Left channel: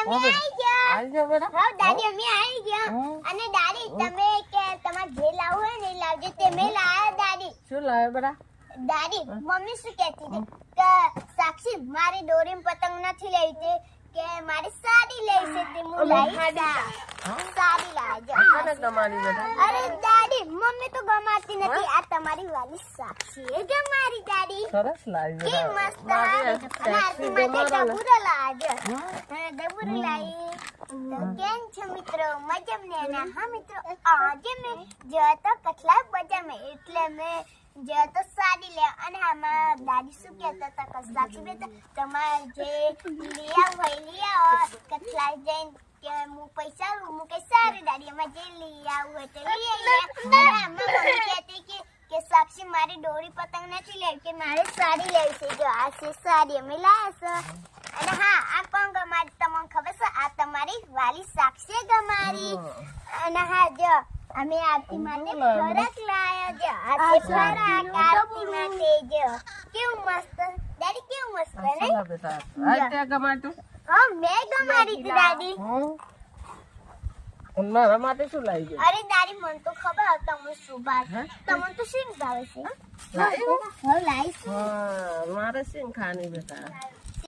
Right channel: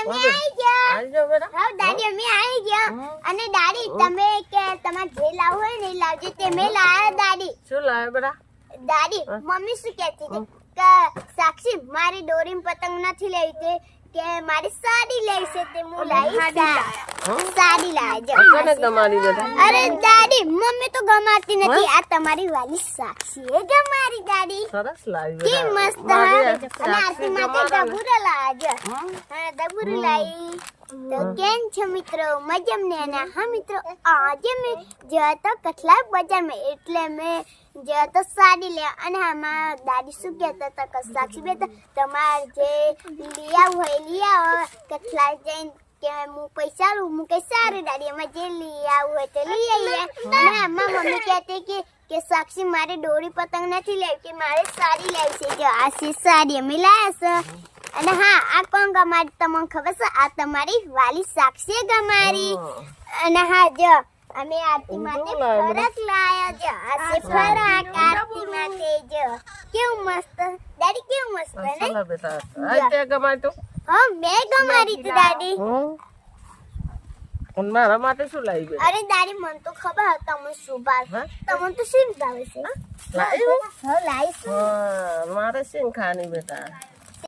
અમે આવી ગયા આવી જાઓ બેટા હા દાદી અમે આવી ગયા અને દાદી તમે કે તમારે જે લાવવું હોય ને એ લાવજો તમે લાયા દાદી શું લાવે બેટા દાદી મમ્મી શું કહેતી હતી કે સાક્ષી મારી દોરીમ પતંગ નથી લેવી કે મારી સાડી લેવી છે તે હું લાવી સાડી લાવજો કોને ગમાડી બેટા અરે દાદી મમ્મી તો ગમાતી નથી આ તમારી વાલી સાક્ષી એ ગમારી દાદી સરસ લાવી કે બેટા મસ્ત હા અને આરતી માટે દબુરા લાવજો હમ? હા દબુરું લાવી તો કેમ છો મિત્રો મજામાં ને અને હા મિત્રો આજે મેં ગયા તો કઠલા બજારમાં એટલે મેં ગયા તો સાડી લે અને આમાં દાદી શું કહેતા હતા કે સાક્ષી બેટા તમારે જે લઈ આવું હોય લઈ આવો કઠલા જઈને કે હું પૈસા લઉં હું કઈ સારું દાદી એમાં જે લઈ આવું હોય તો લઈ આવીએ અને આમાં મમ્મી કહેતી કે સાક્ષી મારે દોરી પતંગ નથી લેવી કે મારે સાડી લેવી છે જો આ છે સાડી અમે લાયા છે અને હા આ કોણ ગમારી તમને ખબર છે આ તમારી વાલી સાક્ષી ગમારી અને હા જો અમે આરતી માટે ફરક લાયા જો આ છે ફરક આરતી માટે જો કેવું મસ્ત દાદી કેવું મસ્ત ને ચાલો બેટા આ તે ગમાડ્યું હા મેં ગમારી હતી દાદી અને મારા માટે શું લાવી બેટા અરે દાદી મને તો ખબર હતી તમને શું ભાવે હા? તમને તો શું ભાવે છે લાવ્યું? હા લાવીશ હા મારે સિંગ ખાની બેટા